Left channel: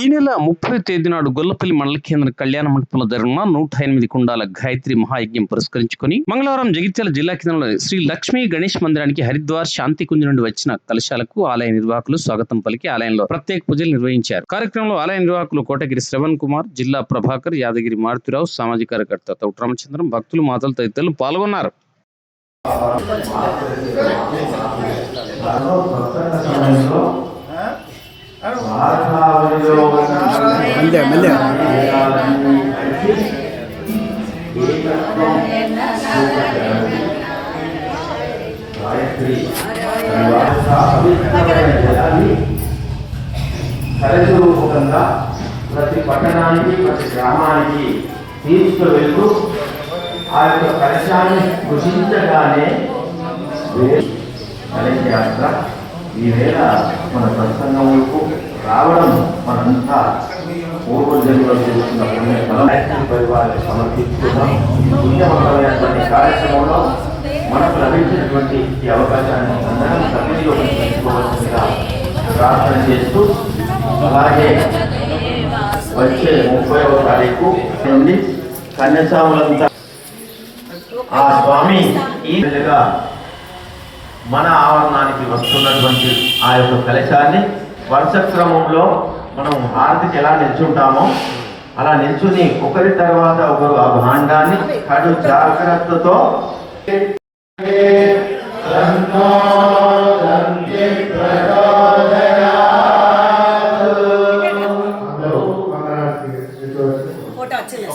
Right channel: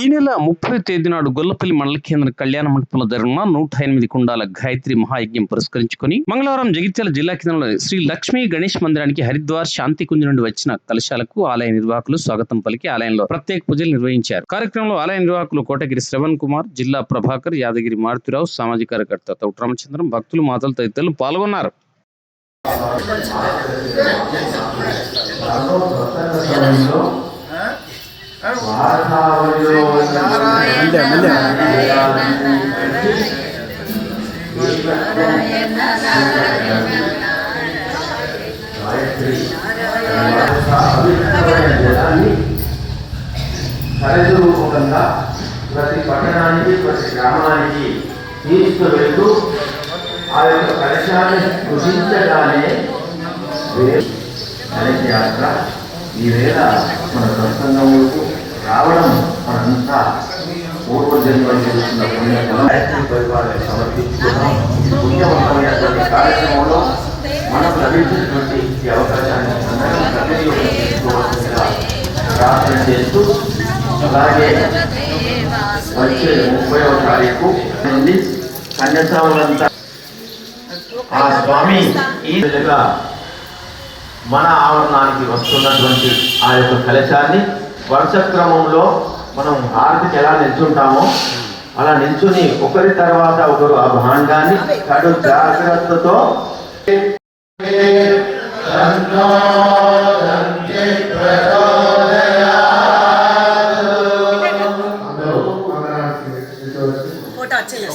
ఈ నెల ముప్పై తేదీ నాడు గొల్లపల్లి మండల కేంద్ర కళ్యాణ మండపంలో జరిగిన నూట ఎనిమిది కుండాల గాయత్రి మహాయజ్ఞం పురస్కరించుకొని మంగళవారం జగిత్యాల జిల్లా కేంద్రంలో శ్రీ లక్ష్మీ గణేష్ మందిరానికి హరిద్వార్ శాంతి కుంజ్ నుండి వచ్చిన కలశాలకు ఆలయ నిర్వాహకులు స్వాగతం పలికి ఆలయంలో ప్రత్యేక పూజలు నిర్వహించారు. కార్యక్రమంలో ఆలయ నిర్వాహకులు కోటగిరి శ్రవణ్ కుమార్ జిల్లా ప్రభాకర్ యాదగిరి మారుతిరావు సామాజిక కార్యకర్త తౌట్ రామచంద్రం భక్తులు మాతలు తదితరులు పాల్గొన్నారు. రూపకంగా ప్రతి పట్టణానికి ప్రతి గ్రామానికి తీసుకువెళ్తూ ఆ యొక్క కలశాన్ని గుర్తించగానే కలశ యాత్ర ఈవేళ మన సత్సంగములకు రావడం మనంతా పూర్వజన్మ చేస్తున్న పుణ్య ఫలం పుణ్యవంతమైనటువంటి కార్యక్రమంలో మనకు లభించినటువంటి ఈ అవకాశాన్ని అందరం సద్వినియోగం ప్రార్థన చేస్తూ అలాగే వచ్చే ముప్పైవ తారీఖు నుండి కన్యాస్వాములంతా ఆ స్వామి ఈ విధంగా మన ఆవరణానికి వస్తున్నటువంటి ఆ యొక్క కలశాన్ని వరుస క్రమంలో మనం హారతికి ఎలా నిల్చుంటామో అలా నిల్చుని ఒకరి తర్వాత ఒకరు ఆ భాండాన్ని కడు జాగ్రత్తతో ఫోటో వచ్చేసి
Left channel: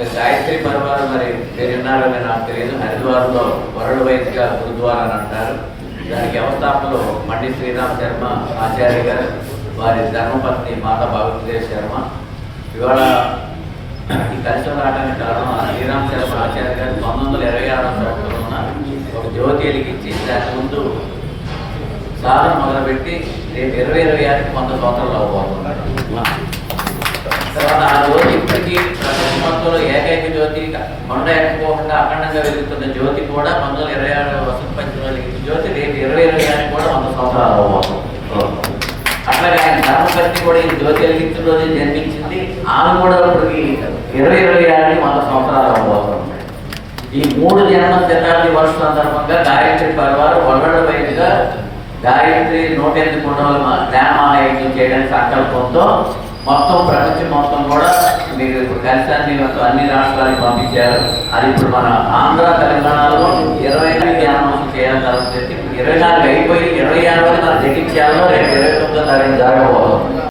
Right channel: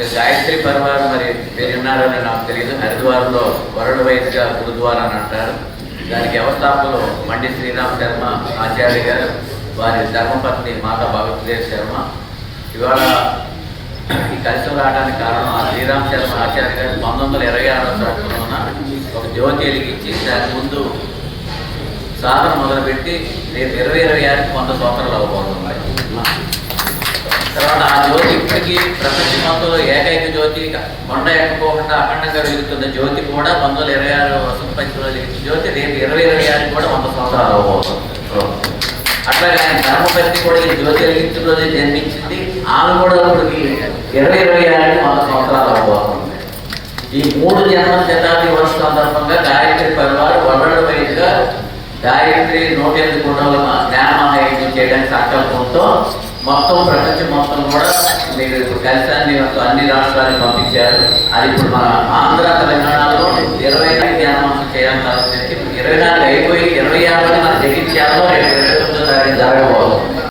మీరు గాయత్రి పర్వాలు మరి మీరు విన్నారని నాకు తెలియదు హరిద్వార్లో వరుడు వైద్యగా గురుద్వారా అని అంటారు. దానికి వ్యవస్థాపకులు మండి శ్రీరామ్ శర్మ ఆచార్య గారు వారి ధర్మపత్ని మాతా భగవతిదేవ్ శర్మ. ఇవాళ ఈ కలిసి రావడానికి కారణం ఆ శ్రీరామ్ శర్మ ఆచార్య గారు పంతొమ్మిది వందల ఇరవై ఆరో సంవత్సరంలోన ఒక జ్యోతి వెలిగించి దాని ముందు సాధన మొదలుపెట్టి రేపు ఇరవై ఇరవై ఆరుకి వంద సంవత్సరాలు అవ్వబోతున్నాయి. తర్వాత ఆ జ్యోతి ఇప్పటికీ ప్రపంచ మొత్తంలో ఏకైక జ్యోతి కొండ ఎక్కకోకుండా అఖండంగా వెలుగుతున్న జ్యోతి కూడా పంతొమ్మిది వందల ఇరవై ఆరు వసంత పంచంలో వెలిగిన జ్యోతి రేపు ఇరవై ఇరవై ఆరు కూడా వంద సంవత్సరాలు అవ్వబోతుంది. అట్లాగే ఆయన ధర్మపతి కూడా ఈ జ్యోతి వెలిగించిన రోజు జన్మించింది. ఆమె కూడా ఇప్పటికి ఇరవై ఇరవై ఆరు వంద సంవత్సరాలు అవ్వబోతుంది. ఈ మూడు జన్మ శతాబ్ది వర్ష సందర్భంగా గాయత్రి పరివారు వల్లడ వైద్యుగా గాయత్రి నూట ఎనిమిది కుటుంబాల గ్రామ మహాయజ్ఞం చేయడానికి సంకల్పంతో మొత్తం ప్రపంచం మొత్తం కూడా మీరు కలిసాన్ని అన్ని రాష్ట్రాలకు పంపించారు. అది ఇప్పుడు మన ఆంధ్ర తెలంగాణలో ఇరవై ఐదు అనౌన్స్ చేయాలని తలపెట్టి ఇరవై నాలుగు అయిపోయి ఇరవై ఆరు మన జగిత్యాలలో రేపు ఇరవై తొమ్మిదో తారీఖు జరగబోతుంది